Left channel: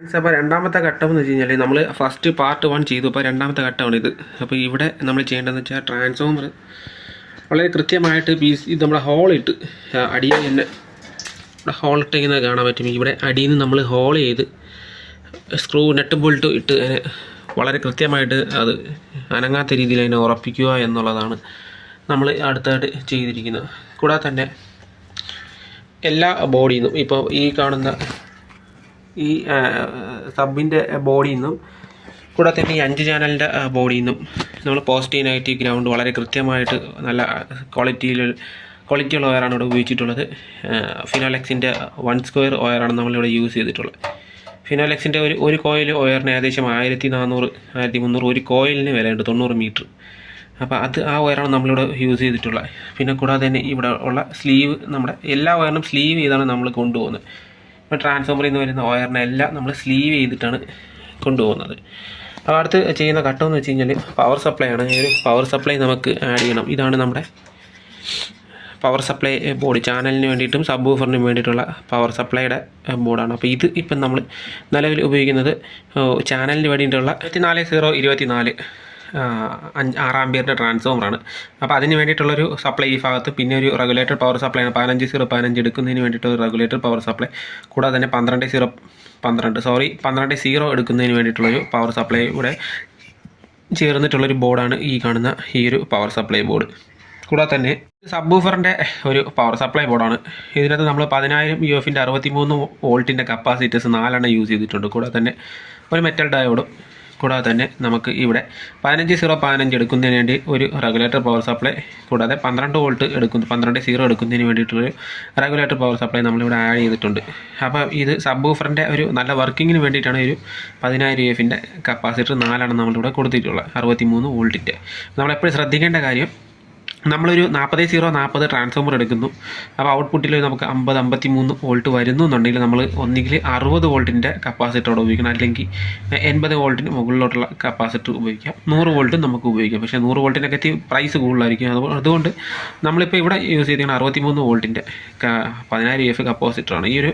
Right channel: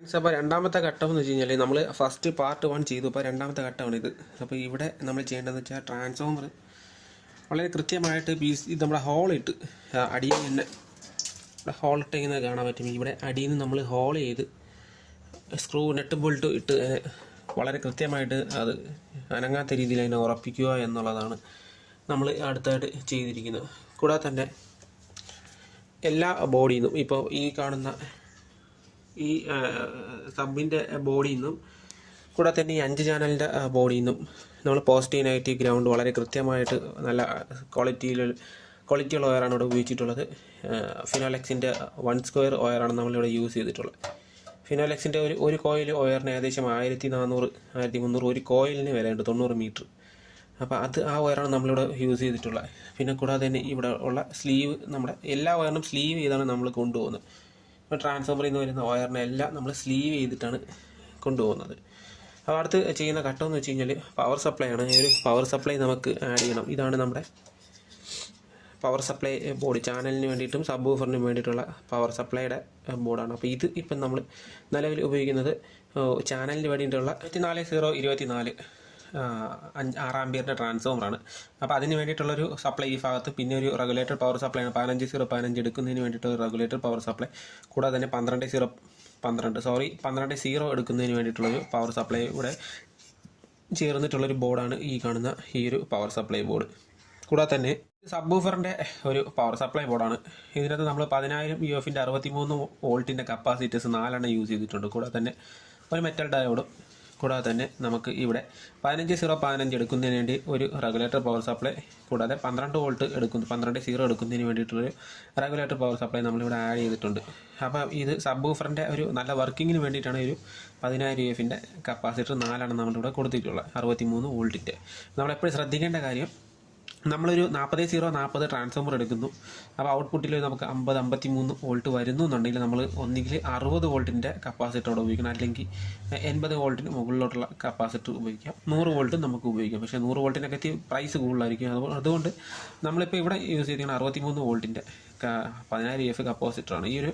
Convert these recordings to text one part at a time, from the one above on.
അപ്പോൾ രണ്ടാമത്തെ ഘട്ടം എന്ന് വെച്ച് കഴിഞ്ഞാൽ നമ്മൾ ഫസ്റ്റ് പാർട്ട് 1 ചെയ്തു. അപ്പോൾ രണ്ടാമത്തെ ഘട്ടമാണ് ഇത്. അപ്പോൾ ഇവിടെ നമ്മൾ ചെയ്യേണ്ടതെന്ന് വെച്ചാൽ ട്രാൻസ്ഫോമർ വളരെ കൃത്യമായിട്ട് ഇത് നമ്മുടെ ഹോളിട്ട് അടിയിൽ തന്നെ ഹോളിട്ട് ഇങ്ങനെ കാണാൻ പറ്റും. ഇവിടെ അടിയിൽ നിന്ന് നമ്മൾ ഹോൾ ചെയ്ത് സ്ക്രൂ നെട്ട് ബോൾട്ട് ഇട്ട് വളരെ കൃത്യമായിട്ട് അത് അനങ്ങാത്ത രീതിയിൽ അതിനെ ഉറപ്പിക്കുക എന്നുള്ളതാണ് നമ്മൾ അടുത്തായിട്ട് ചെയ്തിരിക്കുന്നത്. കൂടാതെ തന്നെ എല്ലാ ബോഡിയിൽ നിന്നും ഇപ്പോൾ ഈ കാണുന്ന ഈ സബിൻ്റെ ബോഡിയിൽ നിന്നും കൂടാതെ തന്നെ ഈ 5 ചാനലിൻ്റെ ബോഡിയിൽ നിന്നും നമ്മൾ പോസിറ്റീവ് നെഗറ്റീവ് ഗ്രൗണ്ട് വളരെ കൃത്യമായിട്ട് നല്ല ക്വാളിറ്റിയുള്ള വയറാണ് ഇവിടെ ഉപയോഗിച്ചിട്ടുള്ളത്. ഫിനോലെക്സിൻ്റെ 1 സ്ക്വയർ വയറാണ് നമ്മളിവിടെ യൂസ് ചെയ്തിട്ടുള്ളത്. ഫിനോലെക്സിൻ്റെ ഒരു കോയിൽ വയറിന് ഏകദേശം 1400 1300 ഒരു കോയിലിന് വിലയുണ്ട്, 90 മീറ്റർ. അപ്പോൾ ആ വയറാണ് നമ്മളിവിടെ യൂസ് ചെയ്തിട്ടുള്ളത്. പിന്നെ കൂടാതെ തന്നെ ഇവിടെ ഉള്ള സ്ലീവ്, നമ്മുടെ എല്ലാ വയറിനും സ്ലീവ് ചെയ്താണ് നമ്മൾ കൊണ്ടുപോകുന്നത്. ഇപ്പോൾ ട്രാൻസ്ഫോമറിൽ നിന്ന് വരുന്ന വയറിനെല്ലാം നമ്മൾ സ്ലീവ് ചെയ്തിട്ടാണ് കൊണ്ടുപോകുന്നത്. അപ്പോൾ അടുത്ത് ചെയ്യുന്ന ഘട്ടം എന്ന് വെച്ച് കഴിഞ്ഞാൽ പവർ സപ്ലൈ ആണ്. ഈ പവർ സപ്ലൈ നമുക്ക് ആഡ് ചെയ്യണം. ഇതാണ് നമ്മുടെ പവർ സപ്ലൈ ബോർഡ്. ചാനലിന് വേണ്ടിയിട്ടും സബ് വൂഫറിനും വേണ്ടിയിട്ടുള്ള പവർ സപ്ലൈയുടെ ബോർഡാണ്. അപ്പോൾ ഇപ്പം നമ്മൾ നിലവിൽ ഉപയോഗിക്കുന്നത് ചാനലിന് വേണ്ടിയിട്ടുള്ള 24024 6 ആമ്പിയറിൻ്റെ ട്രാൻസ്ഫോമറാണ്. അപ്പോൾ അതിന് വേണ്ടിയിട്ടുള്ളൊരു സപ്ലൈ ഈ ഭാഗത്ത്, പിന്നെ ഒരു റെഗുലേറ്റർ പവർ സപ്ലൈ ആണ് 15 എടുക്കുന്നതിന് വേണ്ടിയിട്ട് ഒരു റെഗുലേറ്റർ പവർ സപ്ലൈ, കൂടാതെ തന്നെ 12 എടുക്കുന്നതിന് വേണ്ടിയിട്ടുള്ളൊരു പവർ സപ്ലൈ ഇവിടെ ചേർന്നിട്ടുള്ളൊരു ബോർഡാണ് ഈ കാണുന്ന ഈ ഒരു പവർ സപ്ലൈ ബോർഡ്. കൂടാതെ തന്നെ സബ് വൂഫറിൻ്റെ ഒരു പവർ സപ്ലൈ ബോർഡാണ്. ഇതിനകത്ത് നമ്മൾ 10000 UF-ൻ്റെ 63 വോൾട്ടിൻ്റെ കപ്പാസിറ്റേഴ്സ് 4 യൂസ് ചെയ്തിട്ടുണ്ട്. കൂടാതെ തന്നെ ഒരു മെറ്റൽ ഡയോഡും, കൂടാതെ തന്നെ നമുക്ക് ഇവിടെ 15 എടുക്കുന്നതിന് വേണ്ടി ഒരു റെഗുലേറ്റർ പവർ സപ്ലൈ, കൂടാതെ 12 എടുക്കുന്നതിന് വേണ്ടിയിട്ടുള്ളൊരു റെഗുലേറ്റർ പവർ സപ്ലൈ നമ്മളിവിടെ ആഡ് ചെയ്തിട്ടുണ്ട്. അപ്പോൾ ഇത് സബ് വൂഫറിൻ്റെ ഒരു നല്ല വർക്കിങ്ങിന് വേണ്ടിയിട്ടാണ് ഒരു 10000 UF-ൻ്റെ കപ്പാസിറ്റർ 4 നമ്മളിവിടെ കൊടുത്തിട്ടുള്ളത് 63 വോൾട്ടിൻ്റെ. നമ്മളെപ്പോഴും ശ്രദ്ധിക്കേണ്ട കാര്യം, നമ്മളൊരു 40-40 ട്രാൻസ്ഫോമർ എടുക്കുന്നു. അപ്പോൾ ഔട്ട്പുട്ടിൽ നമുക്ക് 50-53 വോൾട്ട് വരുന്നു എന്നുണ്ടെങ്കിൽ നമ്മൾ ഒന്നുകിൽ 60 വോൾട്ടിൻ്റെ കപ്പാസിറ്ററോട് ഉപയോഗിക്കണം, അല്ലെങ്കിൽ 80 വോൾട്ടിന് മുകളിലോട്ടുള്ള കപ്പാസിറ്റർ ഉപയോഗിക്കാം. 100 വോൾട്ടും നമുക്ക് ഉപയോഗിക്കാം. പക്ഷേ 100 വോൾട്ടിനൊക്കെ പ്രൈസ് കൂടുതലായിരിക്കും. അതുകൊണ്ട് നമ്മളിപ്പോൾ ഇവിടെ യൂസ് ചെയ്തിരിക്കുന്ന 63 വോൾട്ടിൻ്റെ 10000 UF കപ്പാസിറ്ററാണ്. ഈ ഒരു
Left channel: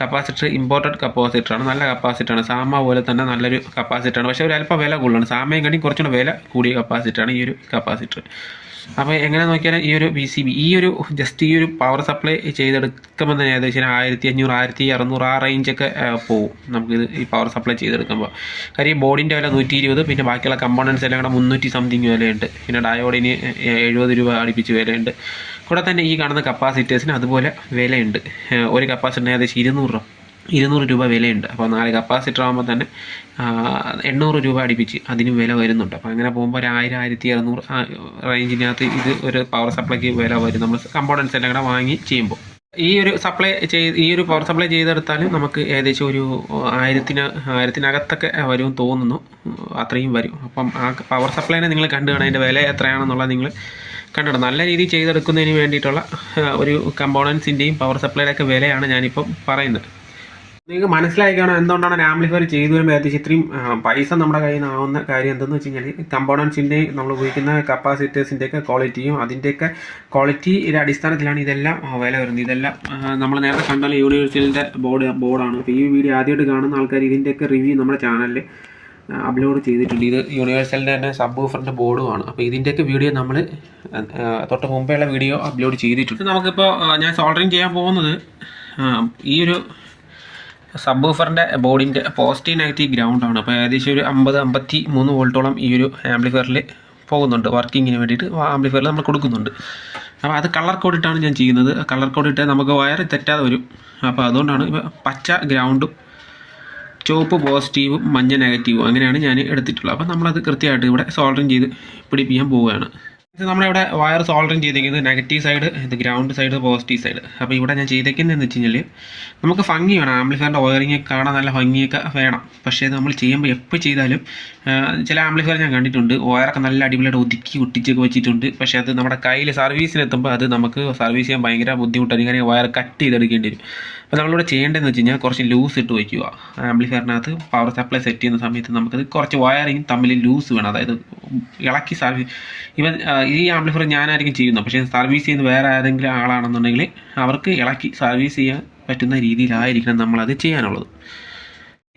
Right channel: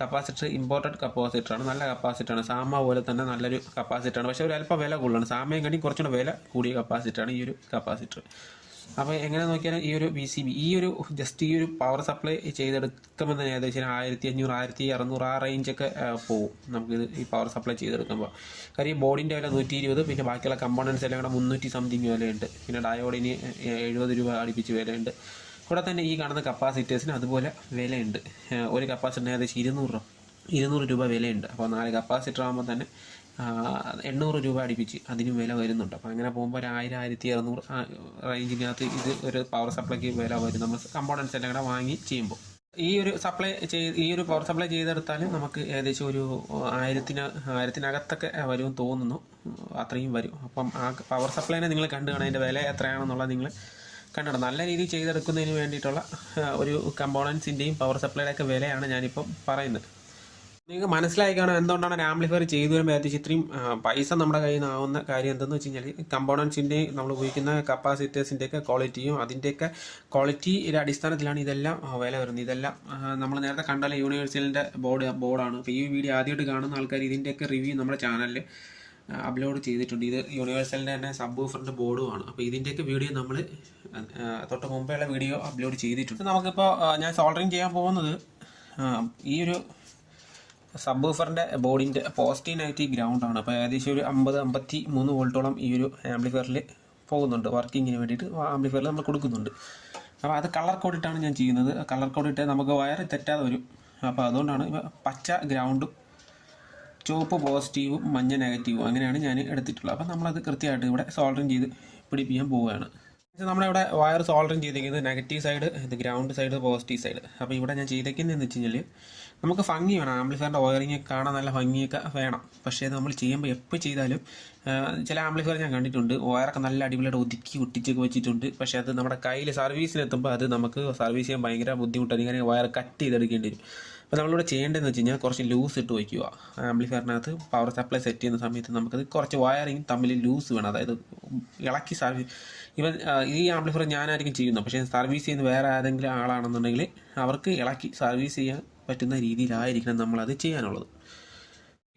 കപ്പാസിറ്റർ ഇമ്പോർട്ടഡ് കപ്പാസിറ്ററാണ്, നല്ല കപ്പാസിറ്ററാണ്. സാമ പോലെ തന്നെ നല്ലൊരു കപ്പാസിറ്ററാണ്. പക്ഷേ ഒരു അല്പം വില കൂടുതലാണ്. സാമയും കണ്ടി കുറച്ചുകൂടെ വില കൂടിയ കപ്പാസിറ്ററാണ് ഈ ഒരു കപ്പാസിറ്റർ. അപ്പോൾ എങ്ങനെ നോക്കിയാലും ഈ ഒരു PCB ഈ ഒരു പവർ സപ്ലൈ ചെയ്തെടുക്കുമ്പോൾ തന്നെ ഏകദേശം 1500 1600 ആ റേഞ്ചൊക്കെ പോകും നമുക്കിത് ഈ പവർ സപ്ലൈ ചെയ്തെടുക്കുമ്പോൾ. കാര്യം ഈ ബോർഡിൻ്റെ വില 120, പിന്നെ ബാക്കിയുള്ള കമ്പോണൻസ് എല്ലാം കൂടെ 300 സംതിങ് വിലയുണ്ട്. പിന്നെ ഡയോഡിന് 70 രൂപ അടുപ്പിച്ച് വിലയുണ്ട്. കൂടെ തന്നെ ഈ കാണുന്ന കപ്പാസിറ്റേഴ്സിന് അതുപോലെ വിലയുണ്ട്. ഒരു കപ്പാസിറ്ററിന് ഏകദേശം 200 രൂപ വിലയുണ്ട്. അപ്പോൾ 4 കപ്പാസിറ്റർ ആകുമ്പോൾ തന്നെ 800 രൂപ അടുപ്പിച്ച് അതിന് വില വരുന്നുണ്ട്. അപ്പോൾ അങ്ങനെ പോകുമ്പോൾ 1000 1200 റേഞ്ചിനകത്ത് ഇത് ഒരു പവർ സപ്ലൈക്ക് വില വരും നമ്മൾ കമ്പോണൻസ് എല്ലാം കൂടെ വാങ്ങി ചെയ്യുമ്പോൾ. ഈ ഒരു പവർ സപ്ലൈ ചെയ്തെടുത്താലും നമുക്ക് ഏകദേശം ഒരു 1000-നകത്തൊക്കെ വരുമെന്ന് തോന്നുന്നു, അത്രയും വരും. അപ്പം ആ പവർ സപ്ലൈനെ നിങ്ങൾ കണ്ടു കാണാൻ അതിൻ്റെ വില എത്രയാണെന്നുള്ളത് നിങ്ങൾ കണ്ടിടും. നല്ല രീതിയിൽ ചെയ്തെടുക്കുന്നതിന് വേണ്ടിയിട്ടുള്ള ഒരു കമ്പോണൻസിൻ്റെയും പവർ സപ്ലൈയുടെയൊക്കെ വിലയാണ് ഞാനിപ്പം പറയുന്നത്. നിങ്ങൾക്ക് മനസ്സിലായി കാണാം എന്തുകൊണ്ടാണ് ആംപ്ലിഫയർ ചെയ്തു വരുമ്പോൾ ഏകദേശം ഇത്രയും പൈസ നമ്മുടെ കയ്യിൽ നിന്ന് ആവുന്ന കാര്യം എന്തെന്ന് വെച്ച് കഴിഞ്ഞാൽ കമ്പോണൻസിൻ്റെയും നമ്മൾ ഉപയോഗിക്കുന്ന കപ്പാസിറ്റേഴ്സിൻ്റെയൊക്കെ ക്വാളിറ്റിയും അതിൻ്റെയൊക്കെ ക്വാളിറ്റിയുടെ അടിസ്ഥാനത്തിലാണ് ഇതെല്ലാം വില വരുന്നത്. ഇതെല്ലാം നമ്മൾ നേരത്തെ കണ്ടാൽ യൂണിവേഴ്സലിൻ്റെ ബോർഡാണ്. അപ്പോൾ ഈ വീഡിയോ ആദ്യമായിട്ട് കാണുന്ന ആൾക്കാർ ഇതിൻ്റെയൊക്കെ റിവ്യൂ നമ്മുടെ ചാനലിൽ അപ്ലോഡ് ചെയ്തിട്ടുണ്ട്. ഇത് യൂണിവേഴ്സലിൻ്റെ തന്നെ സബ് വൂഫറിൻ്റെ ബോർഡുമാണ്. അപ്പോൾ ഇതിൻ്റെയൊക്കെ വീഡിയോ നമ്മൾ തൊട്ട് മുമ്പേയുള്ള വീഡിയോ അപ്ലോഡ് ചെയ്തിട്ടുണ്ട്. നമുക്കിപ്പോൾ ഞാൻ സോൾഡറിങ് ചെയ്യാൻ പോകുന്നത് ഈ ഒരു സബ് വൂഫറിൻ്റെ ബോർഡിൻ്റെ പോസിറ്റീവ് നെഗറ്റീവ് ഗ്രൗണ്ടാണ്. അപ്പോൾ ഏകദേശം ഒരു 50-53 വോൾട്ടോളം ഈ ഒരു ആംപ്ലിഫയറിൽ പോകുന്നുണ്ട്. വർക്കിങ്ങിന് വേണ്ടിയിട്ട് ആംപ്ലിഫയറിൽ നമ്മൾ കൊടുക്കുന്നുണ്ട്. അപ്പോൾ അത് കളർ കോഡിട്ടാണ് ഞാൻ ചെയ്യുന്നത്. കളർ കോഡിട്ട് നമുക്ക് വയർ തെറ്റാതെ വരും. അപ്പോൾ അതുകൊണ്ടാണ് ഇപ്പോൾ പച്ച ഗ്രൗണ്ടും ചുവപ്പ് പോസിറ്റീവും മഞ്ഞ നെഗറ്റീവും അങ്ങനെയാണ് ഞാൻ എടുത്തിട്ടുള്ളത്. അപ്പോൾ നമ്മളത് കൃത്യമായിട്ട് ഇവിടെ സോൾഡറിങ് ചെയ്ത് പിടിപ്പിക്കാൻ പോവുകയാണ്. നമ്മളിവിടെ വയർ സോൾഡറിങ് ചെയ്തിരിക്കുന്നത് നെഗറ്റീവ് സൈഡ്, ഇത് ഗ്രൗണ്ട് സൈഡ്, പോസിറ്റീവ് സൈഡ്. അപ്പോൾ ഇവിടെ ഞാൻ ചെയ്തേക്കുന്നതെന്ന് വെച്ച് കഴിഞ്ഞാൽ നമുക്ക് ഭംഗി വേണം, ആംപ്ലിഫയറിൻ്റെ വയറിങ് കാണാൻ നല്ല ഭംഗിയൊക്കെ വേണം. പക്ഷേ നമ്മൾ ചെയ്യുമ്പോൾ എപ്പോൾ ചെയ്താലും ചില ആംപ്ലിഫയർ ഞാൻ കണ്ടിട്ടുണ്ട് വയറൊക്കെ നല്ല അടിപൊളിയായിട്ട് ഒതുക്കി ഒട്ടിച്ചൊക്കെ വെച്ചിട്ടുണ്ട്. പക്ഷേ അത് നമ്മുടെ കയ്യിൽ സർവീസിനെത്തുമ്പോൾ അത് നമുക്ക് സർവീസ് ചെയ്യാൻ ഭയങ്കര ബുദ്ധിമുട്ടാണ്. ഇങ്ങനെ വയർ കട്ട് ചെയ്തെടുക്കേണ്ടി വരും. അപ്പോൾ നമ്മളിവിടെ ചെയ്യേണ്ടതെന്ന് വെച്ച് കഴിഞ്ഞാൽ കുറച്ച് ലൂസ് ഇട്ട് വയ്ക്കുക. ആംപ്ലിഫയറിനകത്ത് പവർ സപ്ലൈ സെറ്റ് ചെയ്യുന്ന സമയത്ത് നമുക്കത് കുറച്ച് വയറിങ് തമ്മിൽ ലൂസ് വേണം. അതായത് ഇളക്കി ഈ ആംപ്ലിഫയർ ഞാനായിരിക്കും ചെയ്യുന്നത്. പക്ഷേ സർവീസ് ചെയ്യുന്ന വേറെ ഏതെങ്കിലും ആളാണെന്നുണ്ടെങ്കിൽ അവർക്ക് ഇളക്കി സർവീസ് ചെയ്യാൻ പറ്റുന്ന രീതിയിലായിരിക്കണം നമ്മളത് ചെയ്യാനുള്ളത്.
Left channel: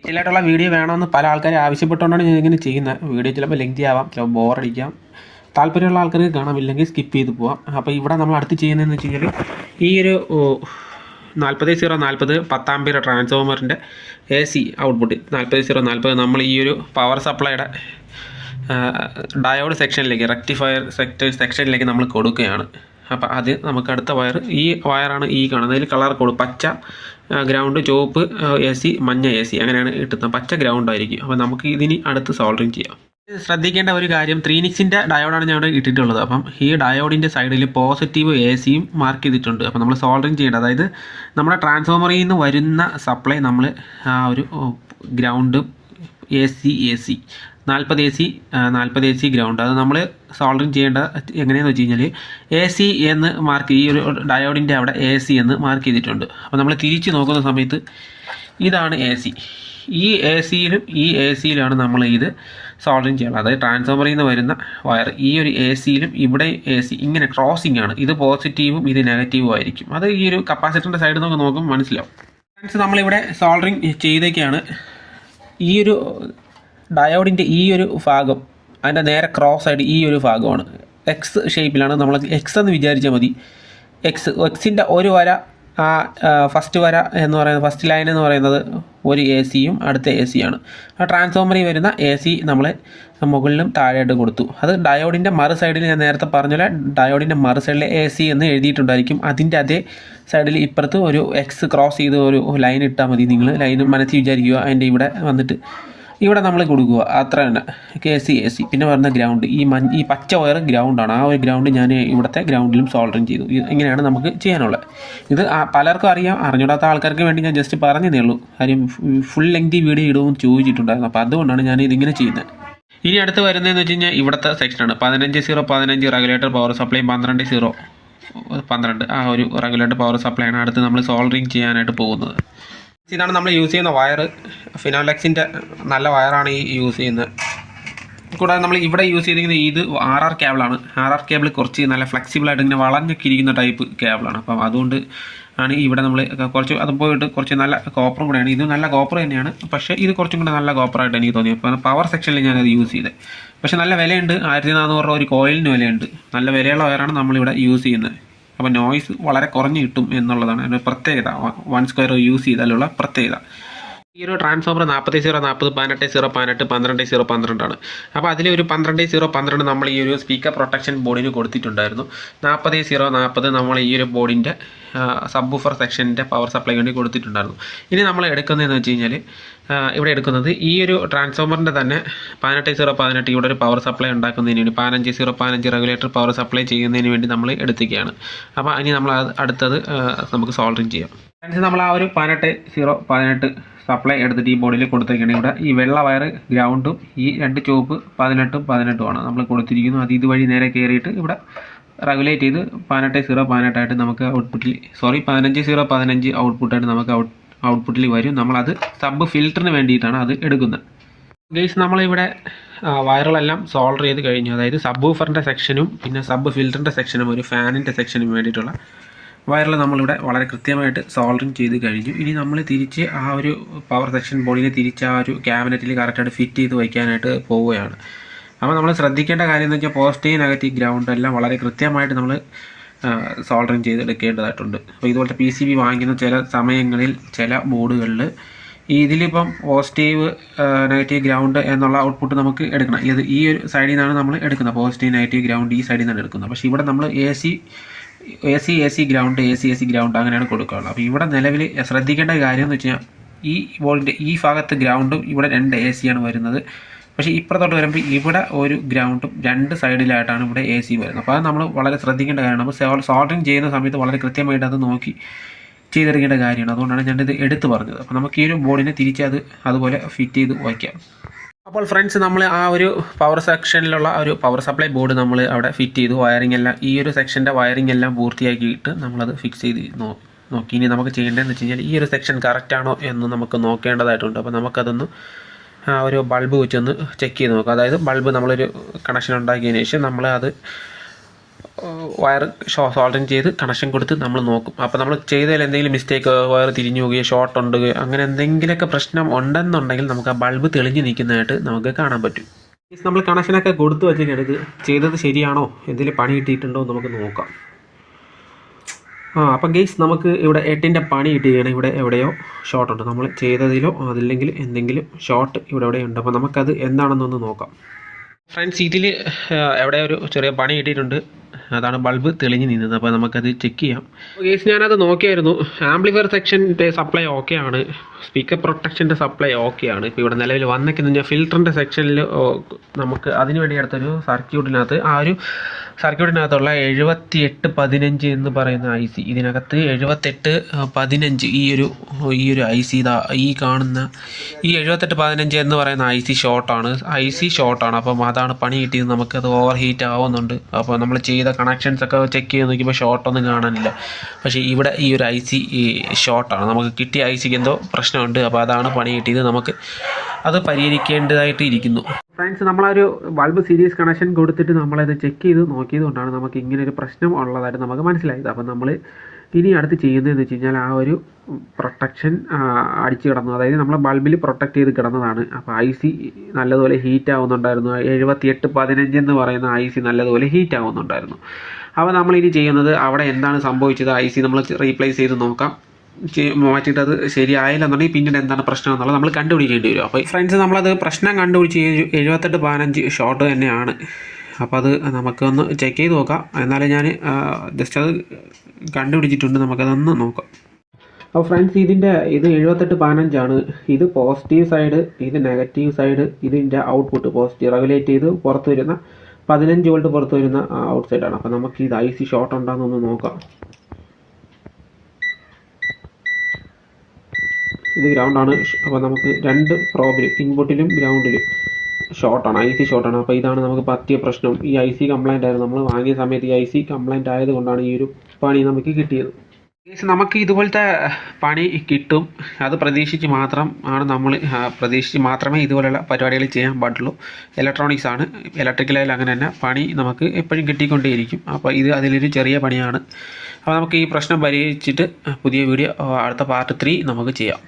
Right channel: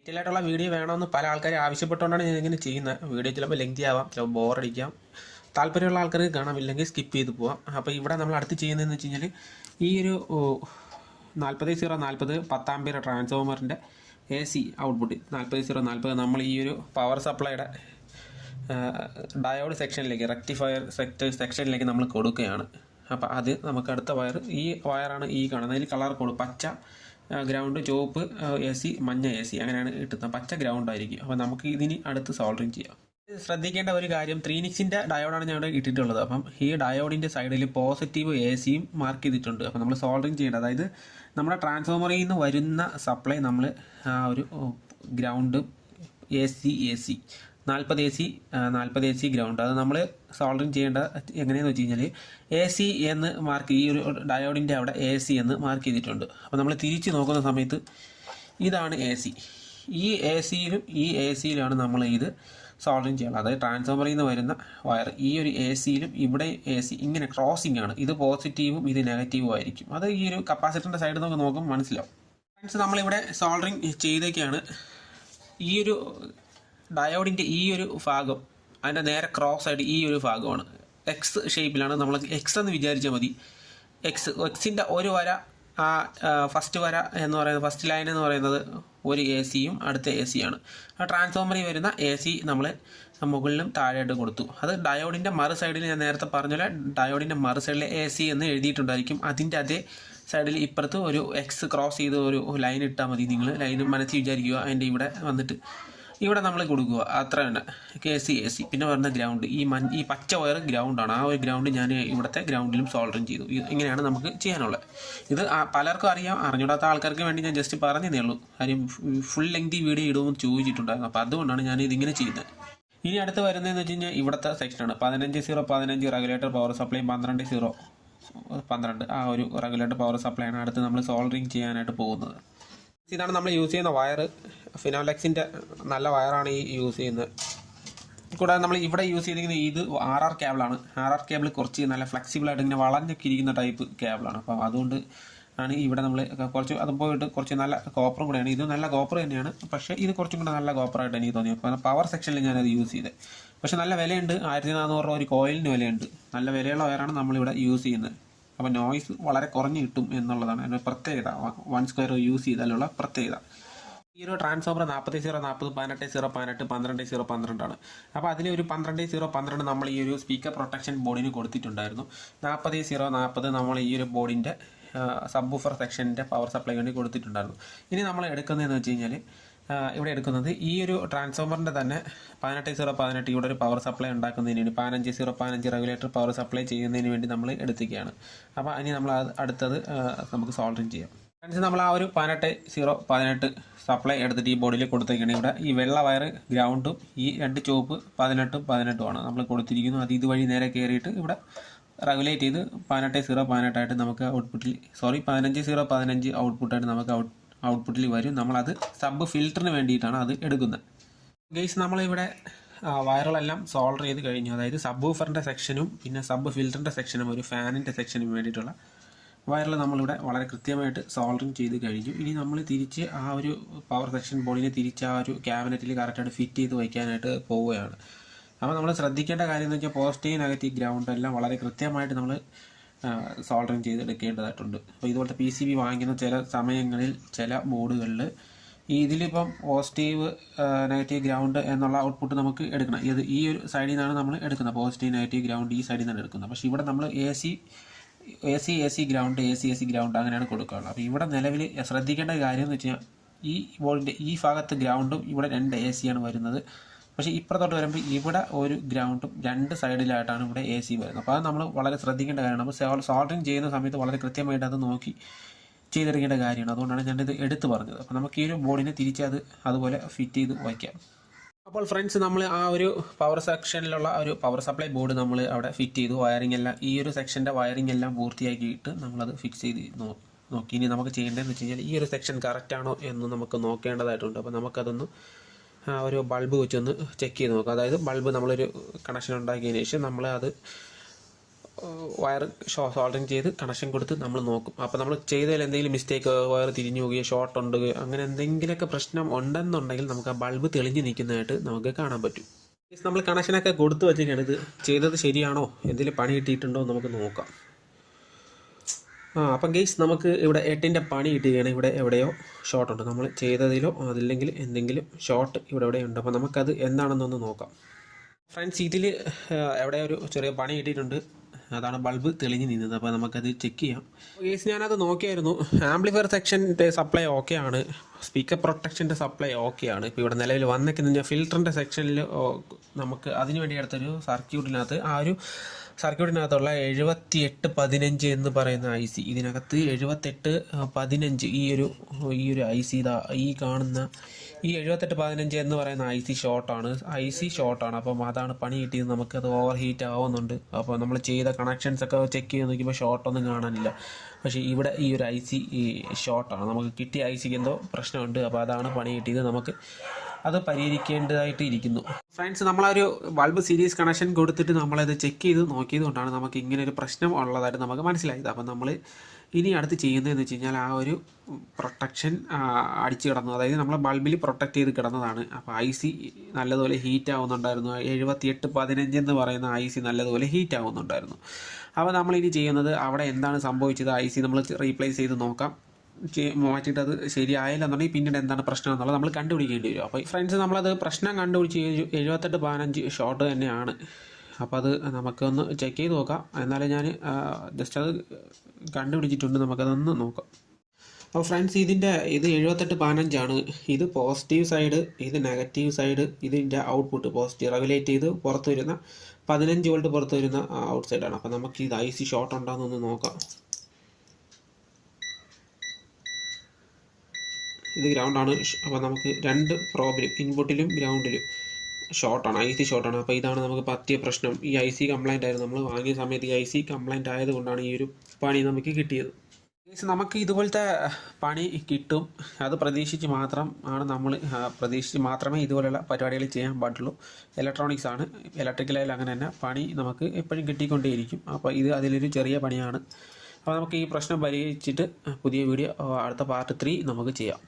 ഇതിലായിട്ടുള്ള വീഡിയോ വേണമെന്ന് പല ആൾക്കാരും ആവശ്യപ്പെട്ടുകൊണ്ടാണ് ഞാൻ ഇങ്ങനെ ചെയ്യുന്നത്. വീഡിയോ ചിലപ്പോൾ ലെങ്തി ആവാം, ചിലപ്പോൾ ബോറടിക്കാം, താല്പര്യമുള്ള ആൾക്കാർക്ക് കാണാമില്ലെങ്കിൽ സ്കിപ്പ് ചെയ്ത് പോവാം. അപ്പോൾ ഇവിടെ നമ്മൾ അടുത്ത് ചെയ്യുന്നതെന്ന് വെച്ച് കഴിഞ്ഞാൽ ഈ ഒരു 4040 10 ആമ്പിയർ ട്രാൻസ്ഫോമറിൻ്റെ AC ഔട്ട്പുട്ട് 4040 നമ്മൾ ഈ ഒരു പവർ സപ്ലൈയുടെ ഡയോഡ് സെക്ഷനിലേക്ക്, റെക്ടിഫയർ സെക്ഷനിലേക്ക് നമ്മൾ കൊടുക്കുകയാണ്. അപ്പോൾ അത് നമുക്ക് അടുത്ത വയർ, ഈ വയറാണ് ഈ കാണുന്നത്. അതിൽ കളർ കോഡ് പച്ച ഗ്രൗണ്ട്, ചുവപ്പ് AC, മഞ്ഞ AC അങ്ങനെയാണ് കിട്ടുന്നത്. പച്ച ഗ്രൗണ്ട് ആയിരിക്കും. അപ്പോൾ നമുക്ക് ഇതിന് അടുത്ത് സോൾഡറിങ് ചെയ്യാം. ശ്രദ്ധിക്കേണ്ട ഒരു കാര്യം, 3 ഡയോഡാണ് ഞാൻ ഇവിടെ ഇട്ടിട്ടുള്ളത്. അപ്പം ഈ ഡയോഡിൻ്റെ സൈഡിൽ പോസിറ്റീവ് ACയും മാർക്ക് ചെയ്തിട്ടുണ്ട്. അപ്പോൾ നമ്മൾ സോൾഡറിങ് ചെയ്യേണ്ടത്, അതായത് നമ്മുടെ ട്രാൻസ്ഫോമറിൽ നിന്ന് വരുന്ന സപ്ലൈ നമ്മൾ ആ ഒരു ഗ്രൗണ്ട് AC 40 AC ഗ്രൗണ്ട്, അത് നമ്മൾ സോൾഡറിങ് ചെയ്യേണ്ട എങ്ങനെയാണെന്ന് വെച്ച് കഴിഞ്ഞാൽ AC എന്ന് മാർക്ക്, ഈ ഒരു ഡയോഡിൻ്റെ അവിടെ AC എന്ന് മാർക്ക് ചെയ്തിട്ടുണ്ട്. അപ്പോൾ നമ്മൾ തിരിച്ച് നോക്കുന്ന സമയത്ത് ഇതാണ് AC. ഈ ACയിലാണ് നമ്മൾ ഇത് സോൾഡറിങ് ചെയ്യണം. അതായത് ട്രാൻസ്ഫോമറിൽ നിന്ന് വരുന്ന വയർ ഈ ഒരു ACയിലും ഇവിടെ AC ഇങ്ങനെ ക്രോസിംഗ് ആണ്. ഇത് പോസിറ്റീവും ഇത് നെഗറ്റീവും ആയിരിക്കും. അത് ഈ ഒരു കപ്പാസിറ്ററിൻ്റെ സൈഡിൽ നമുക്ക് നോക്കുമ്പോൾ മനസ്സിലാവും. ഫ്രണ്ട്സ്, നമ്മളിവിടെ സോൾഡറിങ് ചെയ്തേക്കാണ്. ഈ ഒരു ഡയോഡിൻ്റെ ഈ ഒരു ഭാഗം, അതിൻ്റെ നേരെ ക്രോസ് ആയിട്ട് ഈ ഒരു ഭാഗമാണ് എക്സ് ഷേപ്പിലാണ്. നമ്മൾ എക്സ് എന്ന് വിചാരിച്ചാൽ മതി. എക്സിൻ്റെ ഒരു വര, ആ ഫസ്റ്റ് വര എന്ന് പറയുന്നത്, ഫസ്റ്റ് ലൈൻ എന്ന് പറയുന്നത് ഒരു ACയും അടുത്ത ACയാണ്. ആ ട്രാൻസ്ഫോമറിൽ വരുന്ന AC നമ്മൾ മുകളിലും താഴെയായിട്ട് കൊടുത്തു. അത് ഡയോഡിൻ്റെ മറു സൈഡിൽ, ഞാൻ നേരത്തെ പറഞ്ഞ ഡയോഡിൻ്റെ മറു സൈഡിൽ AC എന്ന് എഴുതിയിട്ടുണ്ടായിരിക്കും. അതിൻ്റെ അതേ സൈഡിൽ ഇപ്പുറത്ത് ഒരു എക്സ് ക്രോസ് ചെയ്ത് ഒരു ലൈൻ ഇട്ടാൽ മതി. നിങ്ങൾ ലൈൻ മനസ്സിൽ വിചാരിക്കുക. അതിൻ്റെ ഇവിടെ വന്നിട്ട് ഇവിടെ നമ്മൾ കൊടുക്കുക, അത്ര തന്നെ. AC പിന്നെ വരുന്ന ഗ്രൗണ്ട്, ഈ പച്ച വയർ ഗ്രൗണ്ടാണ്. ആ ഒരു ഗ്രൗണ്ട് ഞാൻ ഇവിടുത്തെ ഗ്രൗണ്ടിലും സോൾഡറിങ് ചെയ്തു. ഇങ്ങനെയാണ് നമുക്ക് ചെയ്യാനുള്ളത്. ഇത് പലർക്കും അറിയാം, അറിഞ്ഞൂടാത്ത ആൾക്കാർക്ക് വേണ്ടി ഞാൻ ജസ്റ്റ് പറഞ്ഞതേ ഉള്ളൂ. കാര്യം ഫുൾ ലെങ്തി വീഡിയോ ഇടുമെന്ന് ചോദിച്ചിട്ടുണ്ടായിരുന്നു. അപ്പോൾ അതുകൊണ്ടാണ് ഞാൻ ഇതിങ്ങനെ ചെയ്യുന്നത്. ഇനി അടുത്ത് വരുന്നതെന്ന് വെച്ച് കഴിഞ്ഞാൽ ഇവിടുത്തെ സെക്ഷനാണ്. 15 റെഗുലേറ്റർ പവർ സപ്ലൈ, 12 ആ ഒരു റെഗുലേറ്റർ പവർ സപ്ലൈ ആണ് അടുത്ത് നമ്മൾ സോൾഡറിങ് ചെയ്യാനായിട്ട് പോകുന്നത്. ഇതാണ് നമ്മൾ യൂസ് ചെയ്യുന്ന വയർ. ഫിനോലെക്സിൻ്റെ നല്ല വയറാണ് ഈ യൂസ് ചെയ്യുന്നത്. കൂടാതെ നമ്മൾ ഇവിടെ യൂസ് ചെയ്തിരിക്കുന്നത് ഇത് RR കേബിളാണ്. RR കേബിൾ കുറച്ച് നല്ല ഫ്ലെക്സിബിളായിട്ട് ഇങ്ങനെ വളഞ്ഞൊക്കെ ഇരിക്കുന്ന ടൈപ്പ് കേബിളാണ്. അപ്പം അതുകൊണ്ട് ആണ് ഇവിടെ നമ്മൾ കുറച്ച് അത് പോയിട്ട് കുറച്ച് നല്ല കോപ്പറും കൂടെയാണ്. ഇത് നല്ല കോപ്പർ തന്നെയാണ്, പക്ഷേ ഇത് കുറച്ചും കൂടെ നല്ല കോപ്പറായിട്ട് എനിക്ക് തോന്നി. അപ്പോൾ പവർ സെക്ഷനിൽ ഞാനത് യൂസ് ചെയ്തത്. പക്ഷേ നല്ല വിലയുണ്ട്. 1400 രൂപ ഒരു കോയിലിന് വിലയുണ്ട്. നല്ല വിലയുള്ള വയറാണ് നമ്മളിവിടെ യൂസ് ചെയ്യുന്നത്. അപ്പോൾ നോയ്സ് വളരെ കുറഞ്ഞ് കിട്ടും എന്നുള്ളതാണ് ഒരു പ്രത്യേകത. 1 സ്ക്വയർ യൂസ് ചെയ്താലുള്ള പ്രത്യേകത. ഈ ഒരു ട്രാൻസ്ഫോമർ 4040 18 12 ആണ്. അപ്പോൾ അതിൽ ഒരു 12 നമ്മൾ ഈ ഒരു സ്പീക്കർ പ്രൊട്ടക്ഷൻ ബോർഡിന് കൊടുത്തിട്ടുണ്ടായിരുന്നു. 4040 നമ്മൾ ഈ ഒരു ബോർഡിൻ്റെ സബ്വൂഫർ സെക്ഷൻ്റെ പവർ സപ്ലൈ വേണ്ടി കൊടുത്തിട്ടുണ്ടായിരുന്നു. ഇനി നമ്മൾ എടുക്കുന്നതെന്ന് വെച്ച് കഴിഞ്ഞാൽ ഇവിടെ എടുക്കുന്നത് ഈ ഒരു ട്രാൻസ്ഫോമറിൻ്റെ തന്നെ 18 ഇവിടെ ഒരു പവർ സപ്ലൈ ഉണ്ടാക്കുന്നതിന് വേണ്ടി 15 റെഗുലേറ്റർ പവർ സപ്ലൈ ചെയ്യുന്നതിന് വേണ്ടി നമ്മൾ എടുത്തിരിക്കുകയാണ്. അപ്പോൾ ഇനി നമ്മൾ അടുത്തത് നമുക്ക് സോൾഡറിങ് ചെയ്യാം. നമ്മൾ ആ ഒരു 18 സപ്ലൈ എടുത്തിട്ട് ഈ ബോർഡിൽ കൊടുത്തിരിക്കുകയാണ്. ഇവിടെ ഈ വെള്ള വയർ ഗ്രൗണ്ടും ഈ 2 ചുവപ്പ് 18 ആണ് നമ്മൾ കൊടുത്തിരിക്കുന്നു. അത് ഇതുവഴി നേരെ കയറിയിട്ട് ഇവിടെ റെഗുലേറ്റ് ചെയ്ത് 18 ആയിട്ട് നമുക്ക് ഔട്ട്പുട്ടിൽ 15 ഔട്ട്പുട്ടായിട്ട് നമുക്ക് ഔട്ട്പുട്ടിൽ വരും. നമ്മളത് സബ് ഫിൽറ്ററിന് വേണ്ടിയിട്ടാണ് അത് എടുക്കുന്നത്. ഗൈസ്, നമ്മളിവിടെ വയറുകളെല്ലാം സോൾഡർ ചെയ്ത് കഴിഞ്ഞു. അതായത് സബ്വൂഫറിൻ്റെ സെക്ഷനും പിന്നെ സബ് ഫിൽറ്ററിൻ്റെ സെക്ഷനും ഒരു ഫാനിൻ്റെ സെക്ഷനും വേണ്ടിയിട്ടുള്ള വയറിൽ നമ്മളിവിടെ വളരെ കൃത്യമായിട്ട് സോൾഡറിങ് ചെയ്ത് കഴിഞ്ഞു. ഇനി നമ്മൾ തിരിച്ച് ആ ഒരു പവർ സെക്ഷൻ ബോർഡിനെ തിരിച്ച് ആ ഒരു ക്യാബിനറ്റിൽ കറക്റ്റായിട്ട് ഫിറ്റ് ചെയ്ത് വയ്ക്കാനായിട്ട് പോവുകയാണ്. അപ്പോൾ നമ്മൾ ശ്രദ്ധിക്കേണ്ട കാര്യം എന്ന് വെച്ചാൽ പോസിറ്റീവ് നെഗറ്റീവ് ഗ്രൗണ്ട് എല്ലാം വളരെ കൃത്യമായിട്ട് നമ്മൾ സോൾഡറിങ് ചെയ്തെടുക്കേണ്ടതായിട്ടുണ്ട്. അപ്പോൾ ഇതുപോലത്തെ PCB വാങ്ങിക്കുന്ന ചില സമയങ്ങളിൽ ചില ബോർഡുകളിൽ ഇതിലിപ്പം പോസിറ്റീവ് നെഗറ്റീവ് ഗ്രൗണ്ട് എന്നുള്ള ഔട്ട്പുട്ട് നമുക്ക് എടുക്കണം. ഈ ഒരു സൈഡിൽ നിന്നാണ് നമ്മൾ എടുക്കുന്നത്. പോസിറ്റീവ് നെഗറ്റീവ് ഗ്രൗണ്ട് ഈ സൈഡിൽ നിന്നാണ് എടുക്കുന്നത്. പക്ഷേ ഇവിടെ നമ്മൾ AC ഗ്രൗണ്ട് AC ഗ്രൗണ്ട് അങ്ങനെയാണ് കൊടുക്കാറുള്ളത്. അപ്പോൾ ഇവിടെ നിലവിൽ ശ്രദ്ധിക്കേണ്ട കാര്യം എന്ന് വെച്ച് കഴിഞ്ഞാൽ ഈ ബോർഡിൻ്റെ ഈ ഭാഗത്ത് ഗ്രൗണ്ടും ഇവിടെ 2 AC ആണ് വരുന്നത്. പക്ഷേ ഇപ്പുറത്തോട്ട് വരുമ്പോൾ ഇവിടെ ഒരു ഗ്രൗണ്ടും 2 സൈഡിലായിട്ടാണ് ഇവിടെ AC വരുന്നത്. അപ്പോൾ അത് നമ്മൾ വളരെ ശ്രദ്ധിക്കേണ്ട കാര്യമാണ്. നമ്മൾ സോൾഡറിങ് ചെയ്യുന്ന സമയത്ത് വളരെ കൃത്യമായിട്ട് അത് നോക്കി ചെയ്തെടുക്കേണ്ട കാര്യമാണ്. അതുകൊണ്ടാണ് ഞാനിത് എടുത്തു പറഞ്ഞത്. അപ്പോൾ നമുക്ക് ഈ ഒരു ബോർഡിനെ തിരിച്ച് അതുപോലെ ഫിറ്റ് ചെയ്ത് വയ്ക്കാം. അപ്പോൾ ഫ്രണ്ട്സ്, നമ്മൾ ആ ഒരു പവർ സെക്ഷനിലുള്ള ഒരു പവർ സപ്ലൈ ബോർഡ് നമ്മൾ അവിടെ ഫിറ്റ് ചെയ്തു. വയറിംഗ് എല്ലാം ഈ ഒരു സെക്ഷൻ്റെ വയറിംഗ് എല്ലാം പൂർത്തിയാക്കിയിട്ട് നമ്മളത് ഫിക്സ് ചെയ്ത് നോക്കി. ഇനി നമുക്ക് ചെയ്യേണ്ടതെന്ന് വെച്ച് കഴിഞ്ഞാൽ ഈ ഒരു സെക്ഷൻ കറക്റ്റാണോ എന്ന് നമുക്ക് നോക്കേണ്ടതായിട്ടുണ്ട്. അപ്പോൾ നമുക്കതൊന്ന് ഒരു ബൾബ് വെച്ചൊന്ന് ചെക്ക് ചെയ്ത് നോക്കാം. അതായത് ബൾബ് നമ്മളൊരു കണക്ഷൻ ഉണ്ടാക്കിയതിന് ശേഷം നമ്മൾ അത് വയർ സോൾഡറിങ് ചെയ്ത് കണക്ഷൻ കൊടുത്ത് നമ്മൾ നോക്കും. അപ്പോൾ നമ്മൾ ചെയ്തതിൽ എന്തെങ്കിലും മിസ്റ്റേക്ക്, വയർ തിരിഞ്ഞു പോവുകയോ ഷോർട്ട് ഉണ്ട്, അങ്ങനെ എന്തെങ്കിലുമൊക്കെ പ്രശ്നം ഉണ്ടെന്നുണ്ടെങ്കിൽ നമുക്ക് ആ ബൾബ് തെളിഞ്ഞ് നിൽക്കുന്നതായിട്ട് നമുക്ക് കാണാൻ പറ്റും. നമ്മൾ കണക്ഷനൊക്കെ കൊടുത്തു വെച്ചിട്ടാണ് ഇത് ചെയ്തത് ശരിയാണോ, എന്തെങ്കിലും പണി കിട്ടിയിട്ടുണ്ടോ നമുക്ക് നോക്കാം. അപ്പം ഗെയ്സ് നമുക്ക് ഇവിടെ 8ൻ്റെ പണി കിട്ടുകയാണ്. ഇവിടെ എവിടെയോ ഷോർട്ട് ഉണ്ട്, നമ്മൾ ചെയ്തതിലോ അതില്ലെങ്കിൽ എന്തെങ്കിലും ഷോർട്ട് ഇവിടെ ഉണ്ട്. അപ്പോൾ നമുക്കത് എന്താണെന്നൊന്ന് നോക്കാം. ഫ്രണ്ട്സ്, ഇതിൽ എവിടെ ഒരു ചെറിയ പണി കിട്ടിയിട്ടുണ്ട്, അതാണ് ബൾബ് തെളിഞ്ഞ് നിന്നത്. അപ്പോൾ നമുക്കത് ചെക്ക് ചെയ്യാം. ഗെയ്സ്, ഞാനത് നോക്കിയായിരുന്നു. ആംപ്ലിഫയർ സെക്ഷൻ്റെ സപ്ലൈ ഓക്കെ ആണ്, സ്പീക്കർ പ്രൊട്ടക്ഷൻ്റെ സപ്ലൈ ഓക്കെ ആണ്. ഇപ്പോൾ ഇവിടെ നിലവിൽ വന്നിരിക്കുന്ന ഫിൽറ്ററിൻ്റെ സെക്ഷനിൽ നമുക്ക് അതിന് വേണ്ടി അടുത്തൊരു സർക്യൂട്ടിനകത്ത് ആ ഒരു സർക്യൂട്ടിനകത്തുള്ള 7815 എന്ന് പറയുന്ന IC, ഇതിനകത്ത് 7815 ഈ ഒരു IC ഈ കാണുന്ന ഈ 7815 എന്ന് പറയുന്ന IC ഷോർട്ടാണ്. അപ്പം അതാണ് പണി കിട്ടിയത്. നമുക്കത് ഓവർ ഹീറ്റ് ആവുന്നുണ്ട്. അപ്പോൾ നമ്മൾ ചെയ്ത കണക്ഷൻസ് ഒക്കെ ചെക്ക് ചെയ്ത് നോക്കിയപ്പോൾ ഷോർട്ടൊന്നും കാണാനില്ല. പക്ഷേ ഇവിടെ ഈ ഒരു IC ഷോർട്ടാണ്. നമുക്ക് കിട്ടിയ ICക്ക് എന്തോ പ്രശ്നമുണ്ട്. അപ്പോൾ അതാണ് പണി കിട്ടിയത്. നമുക്ക് അത് പരിഹരിക്കേണ്ടതായിട്ട് ഇരിക്കുന്നു. ഫ്രണ്ട്സ്, നമ്മളൊരു ബൾബ് സീരീസ് കണക്ഷൻ കൊടുത്തിട്ട് നമ്മളത് ചെക്ക് ചെയ്ത് നോക്കിയത് കൊണ്ടാണ് നമുക്ക് ഇങ്ങനെ ഒരു പ്രശ്നം ഉള്ളതായിട്ട് നമുക്ക് മനസ്സിലായത്. അപ്പം നമ്മൾ ഇനി അടുത്ത് ചെയ്യുന്നതെന്ന് വെച്ച് കഴിഞ്ഞാൽ ആ ഒരു പ്രൊട്ടക്ഷൻ അടിച്ച് കിടന്നു, അതായത് നമ്മൾ ബൾബിൽ പ്രൊട്ടക്റ്റ് ചെയ്ത് കിടന്നതാണ്. അപ്പോൾ IC നല്ലതുപോലെ ഹീറ്റ് ആവുന്നുണ്ടായിരുന്നു. 7815 എന്ന് പറയുന്ന IC നല്ലതുപോലെ ഹീറ്റ് ആവുന്നുണ്ടായിരുന്നു. അപ്പോൾ നമ്മളിനി ചെയ്യുന്നത് അവിടെ എന്താണ് സംഭവിച്ചത്, IC നമ്മൾ റീപ്ലേസ് ചെയ്ത് നോക്കാം. മാറ്റിയിട്ട് അത് ശരിയായില്ലെന്നുണ്ടെങ്കിൽ പിന്നീട് എന്താണ് പ്രശ്നം എന്നുള്ളത് നമ്മൾ കണ്ടുപിടിക്കേണ്ടി വരും. അപ്പോൾ ഫ്രണ്ട്സ്, നമ്മളത് പ്രശ്നം കണ്ടുപിടിച്ച് 7815 ഷോർട്ട് തന്നെയാണ്. അപ്പോൾ അത് നമുക്കൊന്ന് ചെക്ക് ചെയ്ത് നോക്കാം. എന്നാലും ഞാൻ ജസ്റ്റ് അത് കണ്ടുപിടിച്ചിട്ടുണ്ട്, നമുക്കതൊന്ന് നോക്കാം. അപ്പോൾ ഫ്രണ്ട്സ്, ഇത് 7815 ആണ്. ഇത് പോസിറ്റീവ് സൈഡ്, ഇത് നെഗറ്റീവ് സൈഡ്, ഇതിൻ്റെ ഔട്ട്പുട്ട് പോസിറ്റീവ് റെഗുലേറ്റ് ചെയ്ത് പുറത്ത് വരുന്ന 15 വോൾട്ട് പുറത്ത് വരുന്ന ഔട്ട് സൈഡാണ്. അപ്പോൾ നമുക്ക് ഇത് IC ഷോർട്ട് ഉണ്ടോയെന്നൊന്ന് നോക്കാം. ഇത് ഗ്രൗണ്ടാണ്. അപ്പോൾ നമുക്ക് രണ്ട് പ്രോബിലും ഇൻപുട്ടിലും ഗ്രൗണ്ടിലും ഷോർട്ടാണ്, IC ഷോർട്ടാണ്. അപ്പോൾ ഇതാണ് നമുക്ക് പറ്റിയ പ്രശ്നം. ഈ IC കംപ്ലൈൻ്റ് ആയിരുന്നു. നമ്മൾ വാങ്ങിയ സമയത്ത് ഈ IC കംപ്ലൈൻ്റ് ആയതുകൊണ്ടാണ് ഈ ഒരു പണി നമുക്ക് കിട്ടിയത്. നമുക്ക് ഇതുപോലത്തെ പണി കിട്ടും, അത് പ്രതീക്ഷിച്ച് മാത്രമേ ഇതുപോലെയുള്ള പരിപാടികൾ ചെയ്യാൻ പാടുള്ളൂ. ഇലക്ട്രോണിക്സ് ആണ്, ഇലക്ട്രിക്കലായാലും അങ്ങനെ തന്നെ പണി നമുക്ക് എപ്പോഴും കിട്ടിക്കൊണ്ടേയിരിക്കും. അപ്പോൾ ഇത് അതിലൊരു ചെറിയ പണിയാണ്. അപ്പോൾ നമുക്ക് ഈ പ്രശ്നം പരിഹരിച്ചിട്ട് പുതിയ വീഡിയോ അടുത്ത പാർട്ട് 3 നമുക്ക് ചെയ്യാം.